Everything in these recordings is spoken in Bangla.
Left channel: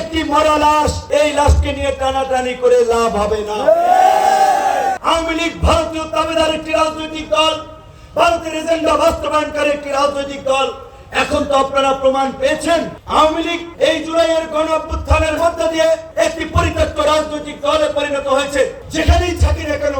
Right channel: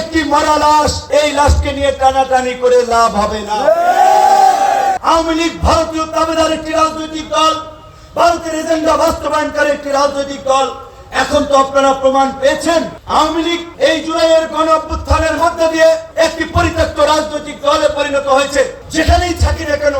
একটি মরা লাশ, এই লাশকে নিয়ে টানাটানি করে লাভ হবে না। আওয়ামী লীগ ভারতীয় দাবিদার একটি রাজনৈতিক দল, ভারতের এজেন্ডা বাস্তবায়নকারী একটি রাজনৈতিক দল। এখন তো আপনারা প্রমাণ পেয়েছেন আওয়ামী লীগ এই জুলাইয়ের গণ অভ্যুত্থানের মধ্য দিয়ে একটি পরিত্যক্ত রাজনৈতিক দলে পরিণত হয়েছে। যেখানেই থাকি না কেন,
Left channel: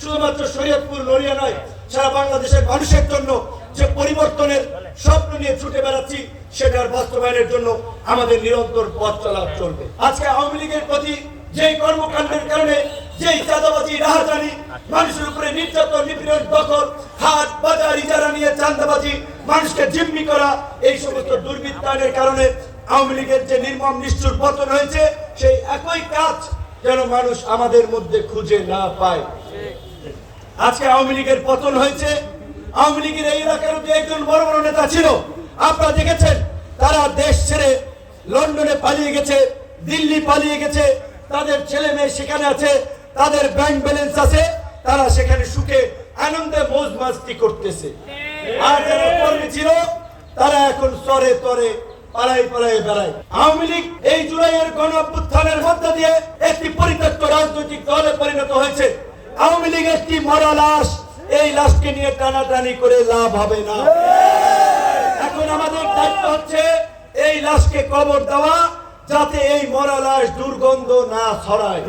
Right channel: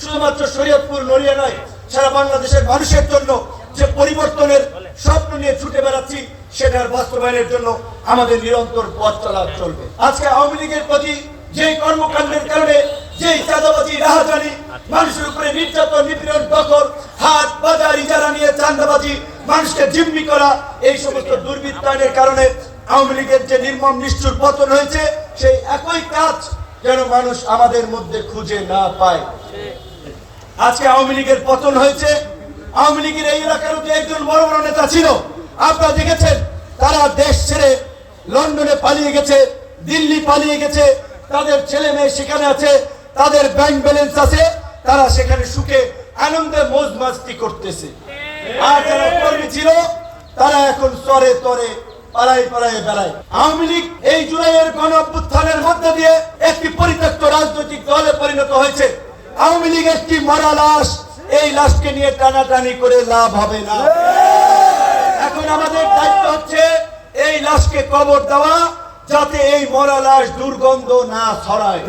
শুধুমাত্র শরীয়তপুর নড়িয়া নয়, সারা বাংলাদেশের মানুষের জন্য যে পরিবর্তনের স্বপ্ন নিয়ে ছুটে বেড়াচ্ছি, সেটার বাস্তবায়নের জন্য আমাদের নিরন্তর পথ চলা চলবে। আজকে আওয়ামী লীগের প্রতি যে কর্মকাণ্ডের কারণে যে চাঁদাবাজি, রাহাজানি, মানুষের উপরে নির্যাতন, নিপীড়ন, দখল, হাট বাজার ইজারা নিয়ে চাঁদাবাজি, মানুষকে জিম্মি করা, এই সমস্ত দুর্বৃত্তায়নের কারণে আওয়ামী লীগের যে নির্মম নিষ্ঠুর পতন হয়েছে, সেই একই কাজ যেন মানুষ আমাদের মধ্যে খুঁজে না পায়। আজকে আওয়ামী লীগের পতন হয়েছে। আওয়ামী লীগের এই এলাকার যে একজন বড় বড় নেতা ছিল, আপনারা দেখেছেন, তারা দেশ ছেড়ে লন্ডনে পালিয়ে গেছে, দিল্লি পালিয়ে গেছে, তাদের ছেলে মেয়ে সেখানে আছে, তাদের ব্যাংক ব্যালেন্স আছে, তারা সেখানে সুখে আনন্দে মৌজ মাস্তি করতেছে। আর যারা কর্মী ছিল, তারা এখন স্তরে তরে পাড়ায় পাড়ায় বেড়ায়। আওয়ামী লীগ এই জুলাইয়ের গণ অভ্যুত্থানের মধ্য দিয়ে একটি পরিত্যক্ত রাজনৈতিক দলে পরিণত হয়েছে। আওয়ামী লীগ একটি মরা লাশ, এই লাশকে নিয়ে টানাটানি করে লাভ হবে না। এখন আমাদের দায়িত্ব হচ্ছে এই লাশকে কবর দেওয়া, যাতে এই মরা লাশ দুর্গন্ধ না ছড়ায়।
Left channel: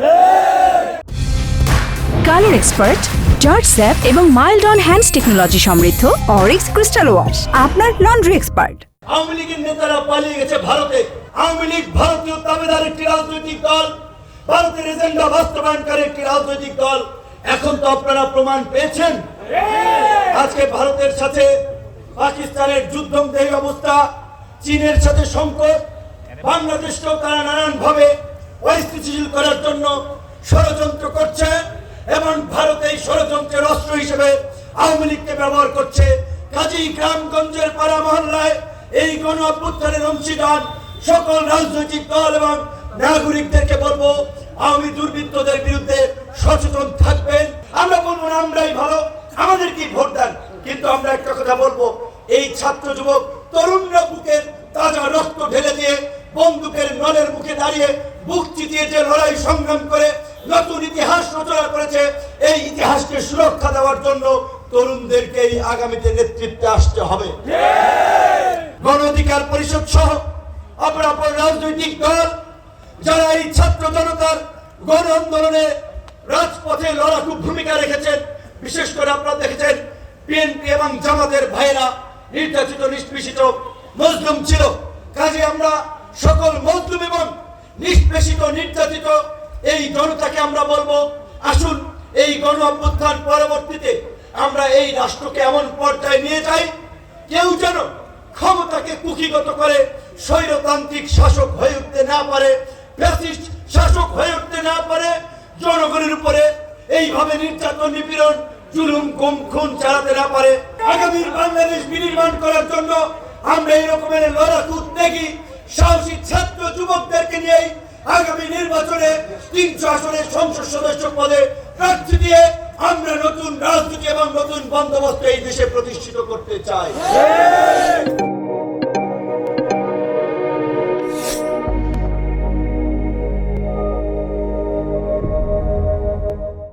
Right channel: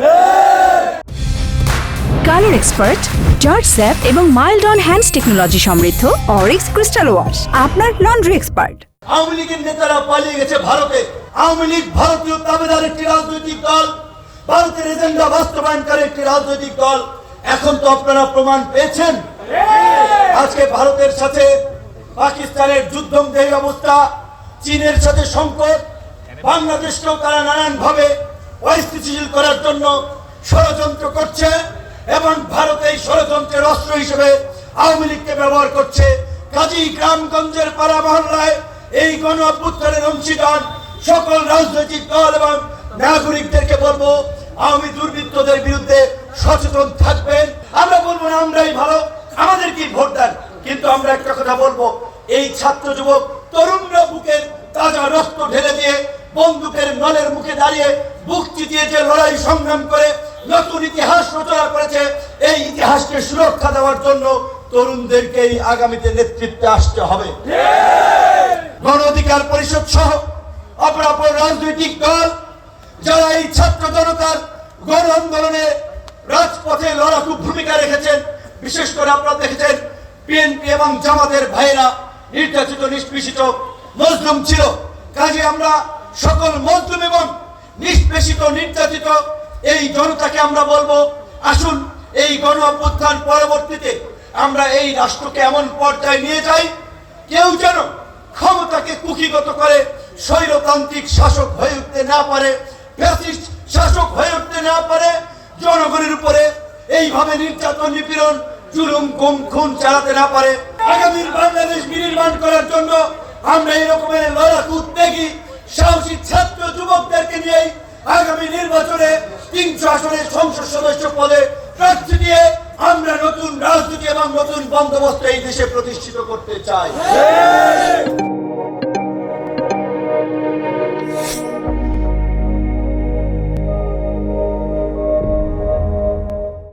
কালার এক্সপার্ট, জর্জ স্যাপ এবং মাইল্ড অন হ্যান্ডস টেকনোলজি সমৃদ্ধ অরিক্স ক্রিস্টাল ওয়াশ আপনার লন্ড্রি এক্সপার্ট। আওয়ামী লীগের নেতারা পালিয়ে গেছে ভারতে। আওয়ামী লীগ ভারতীয় দাবিদার একটি রাজনৈতিক দল, ভারতের এজেন্ডা বাস্তবায়নকারী একটি রাজনৈতিক দল। এখন তো আপনারা প্রমাণ পেয়েছেন। আজকে ভারতের সাথে পাকিস্তানের যুদ্ধমদেহী অবস্থা, চীনের সাথে সংকট, বাংলাদেশকেও তারা নানান ভাবে অস্থিতিশীল করার জন্য ষড়যন্ত্র করছে এবং ভারত এই ষড়যন্ত্রের অস্ত্র হিসেবে আওয়ামী লীগকে ব্যবহার করছে। কাজী গ্রামগঞ্জের পাড়া মহল্লায় এই গণ অভ্যুত্থানের অংশীদার সকল রাজনৈতিক দল এবং নাগরিকদেরকে বলবো, আওয়ামী দুর্বৃত্তদের বিরুদ্ধে সচেতন থাকবেন। আমরা বলবো না আমরাই ভালো, আমাদেরকেই ভোট দেন, কিন্তু আমরা একটা কথা বলবো, এই ছাত্র যুবক তরুণরা বুকের তাজা রক্ত ঢেলে দিয়ে বন্দুকের নলের মুখে দাঁড়িয়ে বুক চিতিয়ে যে লড়াই সংগ্রাম করে নতুন ইতিহাস রচনা করেছে, এই ইতিহাসকে সুরক্ষা দেওয়ার জন্য তরুণদেরকেই আগামীতে নেতৃত্বে আসতে হবে। গণ অধিকার পরিষদ সহ অপরাপর রাজনৈতিক দল যারা এই ছাত্র জনতার গণ আন্দোলনে রাজপথে লড়াকু ভূমিকা রেখেছেন, বিশেষ করে আপনারা দেখেছেন বিএনপি এবং জামাতের ভাইয়েরা নির্যাতিত, নিষ্পেষিত, মজলুম ছিল। কাজে আমরা সকল মজলুম এবং নিষ্পেষিত, নির্যাতিত এই জনতাকে আমরা বলবো, আসুন এই গণ অভ্যুত্থান পরবর্তীতে আমরা এই রাষ্ট্রকে এমন পর্যায়ে নিয়ে যাই, কেউ যেন ক্ষমতাকে কুক্ষিগত করে স্বৈরতান্ত্রিক শাসক হয়ে উঠতে না পারে, ফ্যাসিস্ট শাসক হয়ে উঠতে না পারে, জনগণের উপরে এইভাবে নির্যাতন, নিপীড়ন, জুলুম, গুম, খুন চালাতে না পারে। আগামীর বাংলাদেশ বিনির্মাণ করার জন্য আমরা এই রকমের লড়াকু, উদ্যোগী, সাহসী ছাত্র যুবকদেরকে নিয়ে আগামী নির্বাচনে 300 আসনের সংসদ সদস্য পদে প্রার্থী দিয়ে আমরা নতুন রাজনীতি এবং নতুন বন্দোবস্ত এই দেশে প্রতিষ্ঠিত করতে চাই।